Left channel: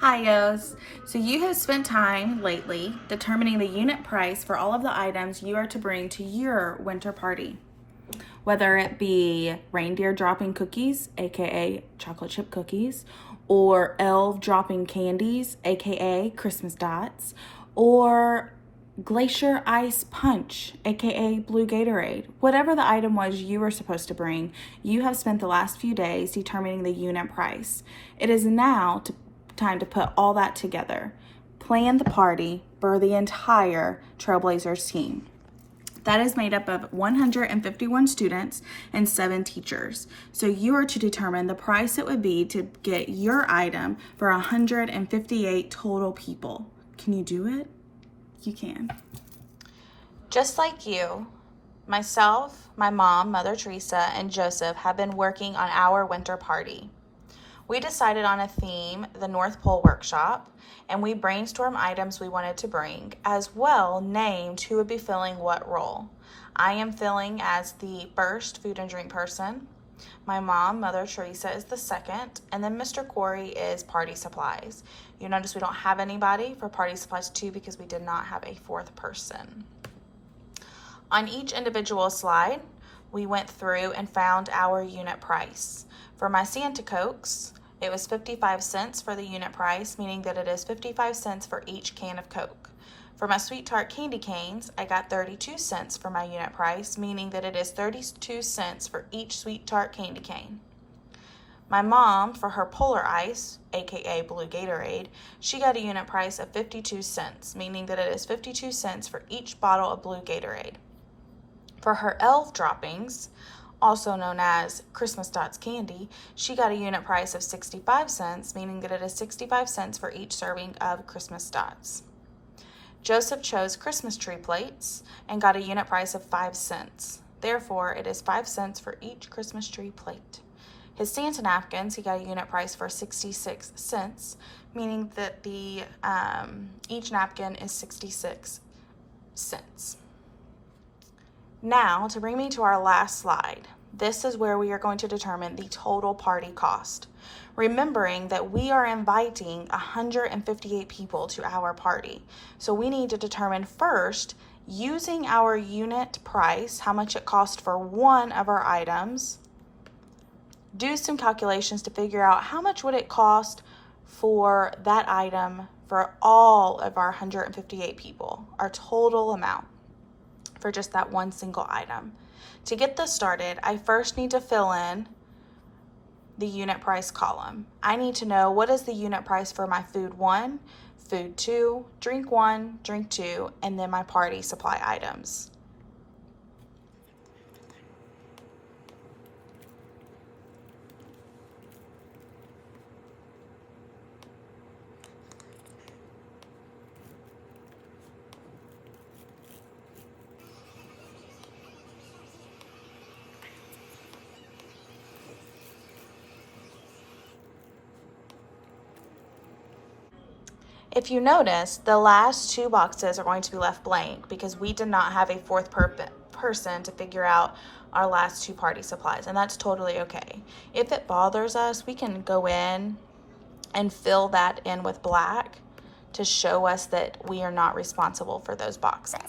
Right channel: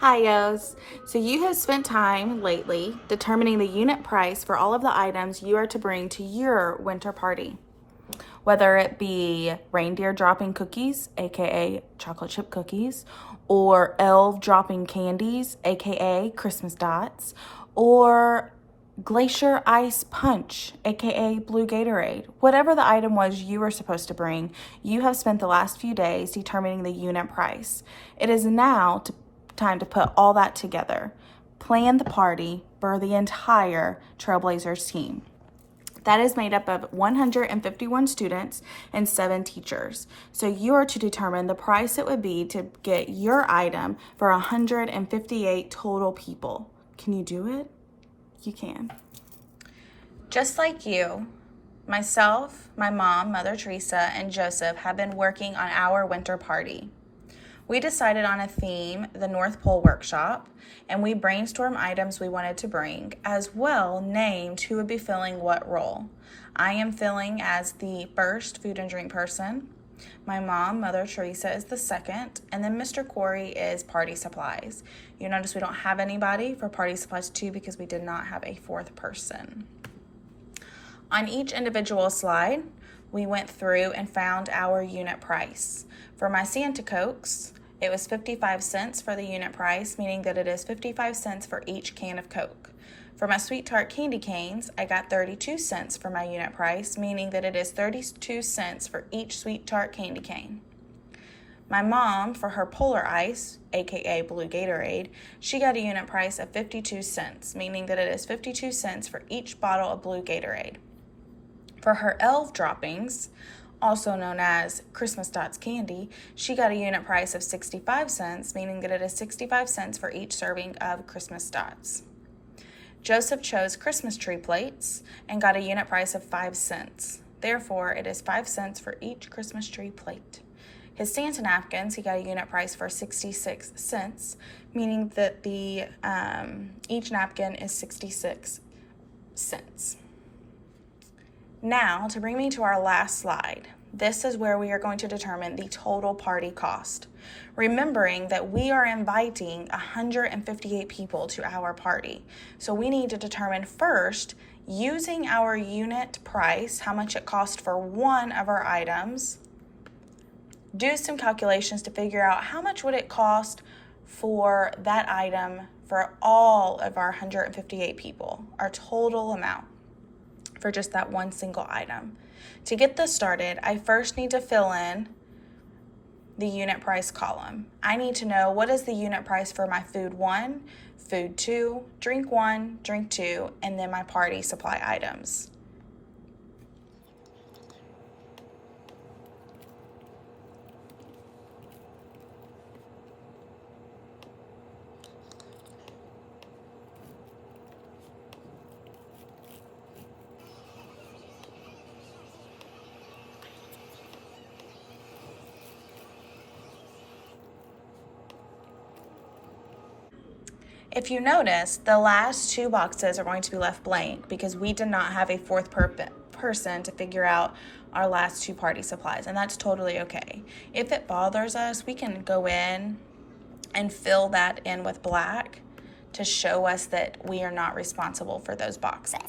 Hi, Yos. So you have spent time lately determining the unit price for all of the items you are to bring to your winter party. Whether it be reindeer dropping cookies, aka chocolate chip cookies, or elf dropping candies, aka Christmas dots, or glacier ice punch, aka blue Gatorade. Whatever the item was you were supposed to bring, you have spent the last few days determining the unit price. It is now time to put all that together, plan the party for the entire Trailblazers team. That is made up of 151 students and 7 teachers. So you are to determine the price it would be to get your item for 158 total people. Can you do it? You can. Just like you, myself, my mom, Mother Teresa, and Joseph have been working on our winter party. We decided on a theme, the North Pole Workshop, and we brainstormed items we wanted to bring, as well named who would be filling what role. I am filling as the first food and drink person. My mom, Mother Teresa, is the second, and then Mr. Corey is party supplies. You notice we don't have anybody for party supplies too because we did not have a fourth person. On each individual slide, we went through and found our unit price. For my Santa Cokes, it was 55 cents for the unit price, meaning that it is 55 cents for each can of Coke. For my Sweet Tart candy canes, I got 32 cents for my unit price, meaning that it is 32 cents for each Sweet Tart candy cane. My mom, for her Polar Ice, aka Blue Gatorade, she got a unit price of 52 cents, meaning that it is 52 cents for each bottle of Blue Gatorade. For her Elf droppings, also known as Christmas Dots candy, she got a unit price of 65 cents, meaning that it is 65 cents for each serving of Christmas Dots. Joseph chose Christmas tree plates and got a unit price of 5 cents. Therefore, it is 5 cents for each Christmas tree plate. His Santa napkins, he got a unit price for 66 cents, meaning that each napkin is 66 cents. Now, to bring me to our last slide, this is where we are going to determine the total party cost. Remembering that we are inviting 158 people to our party. So we need to determine first, using our unit price, how much it cost for one of our items, do some calculations to figure out how much would it cost for that item for all of our 158 people, our total amount for just that one single item. To get this started, I first need to fill in the unit price column. I need to know what is the unit price for my food 1, food 2, drink 1, drink 2, and then my party supply items. If you notice, the last 2 boxes are going to be left blank because we did not have a fourth person to figure out our last 2 party supplies, and that's totally okay. If it bothers us, we can go in and fill that in with black to show us that we are not responsible for those boxes. So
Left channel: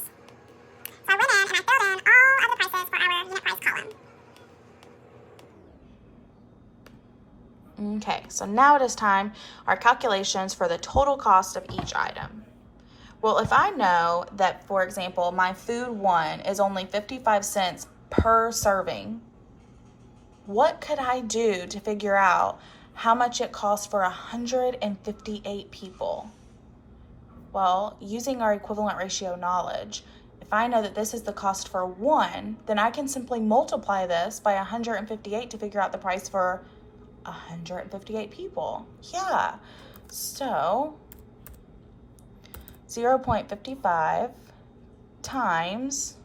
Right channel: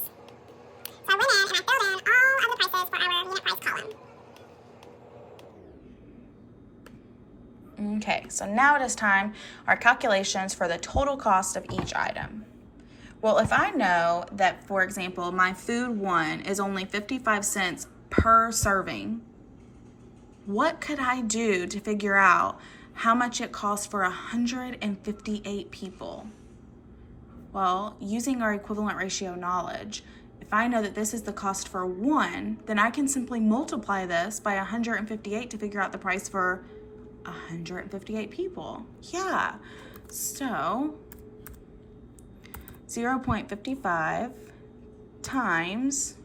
I went in and I filled in all of the prices for our unit price column. Okay, so now it is time our calculations for the total cost of each item. Well, if I know that, for example, my food 1 is only 55 cents per serving, what could I do to figure out how much it costs for 158 people? Well, using our equivalent ratio knowledge, if I know that this is the cost for 1, then I can simply multiply this by 158 to figure out the price for 158 people. Yeah, so 0.55 times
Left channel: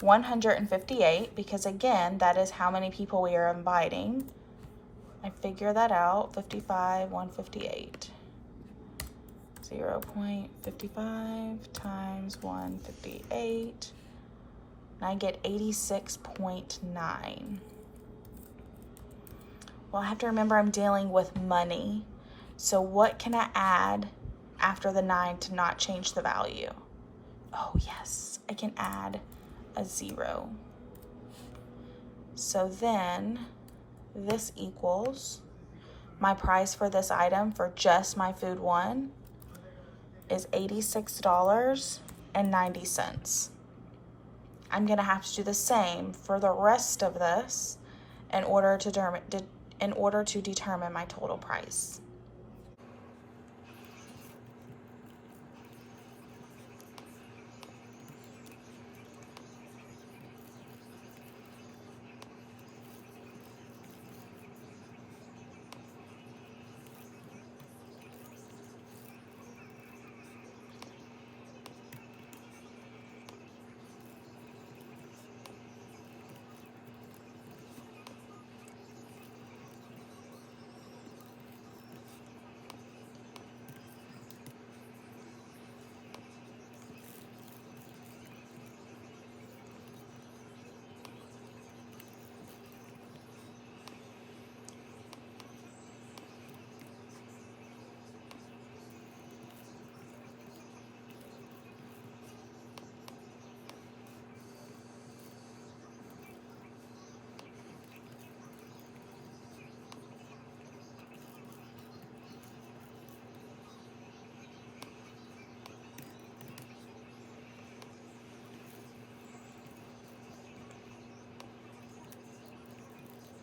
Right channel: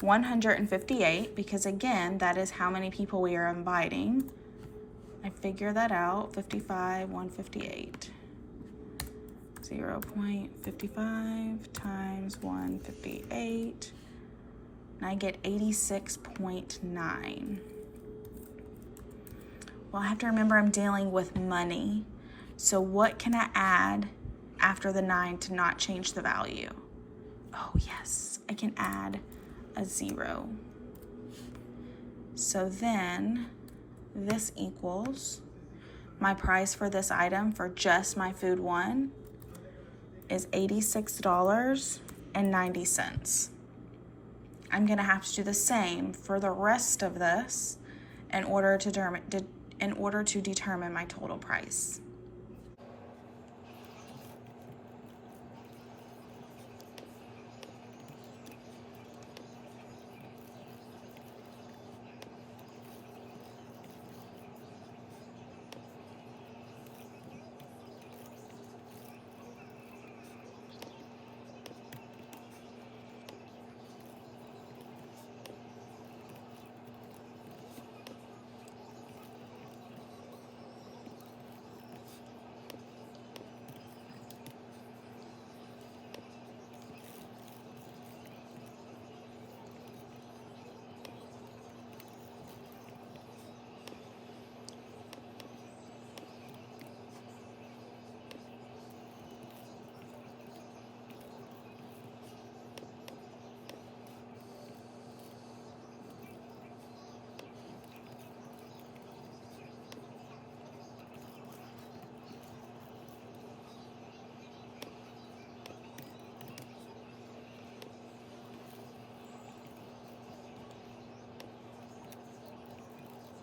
158, because again, that is how many people we are inviting. I figure that out, 55, 158. 0.55 times 158, and I get 86.9. Well, I have to remember I'm dealing with money. So what can I add after the 9 to not change the value? Oh yes, I can add a 0. So then this equals my price for this item for just my food 1 is $86.90. I'm gonna have to do the same for the rest of this in order to determine my total price.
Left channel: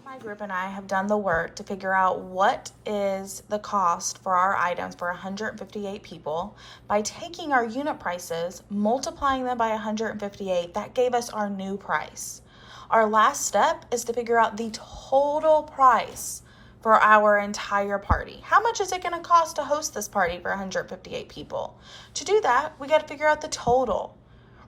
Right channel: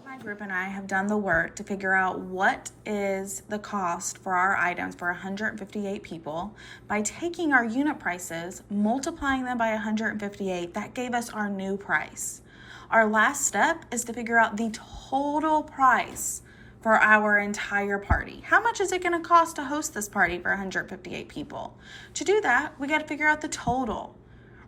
My group and I have done the work to figure out what is the cost for our items for 158 people. By taking our unit prices, multiplying them by 158, that gave us our new price. Our last step is to figure out the total price for our entire party. How much is it going to cost to host this party for 158 people? To do that, we got to figure out the total.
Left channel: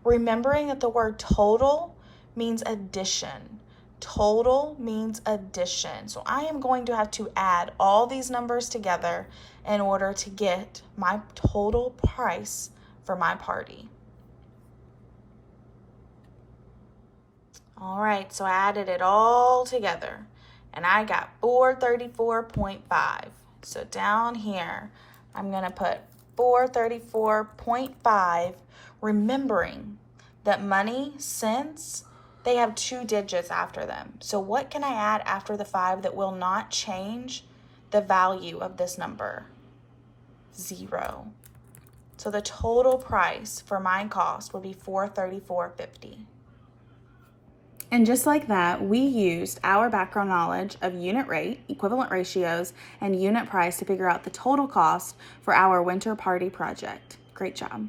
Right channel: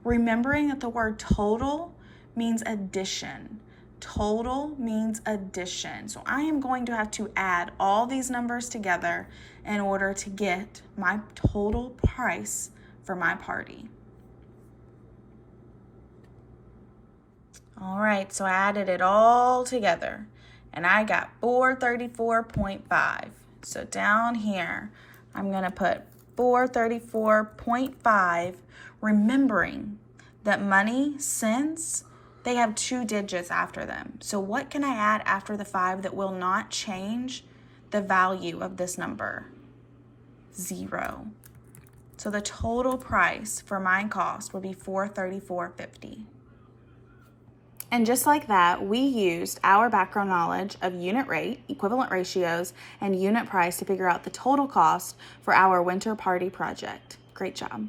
Remembering that the word total means addition. Total means addition. So I am going to have to add all these numbers together in order to get my total price for my party. All right, so I added it all together and I got 434.5. So down here, I'm gonna put 434.5, remembering that money, cents, they have 2 digits after them. So what can I add after the 5 that will not change the value of this number? 0. So the total price for my cost would be $434.50. And just like that, we used our background knowledge of unit rate, equivalent ratios, and unit price to figure out the total cost for our winter party project. Great job.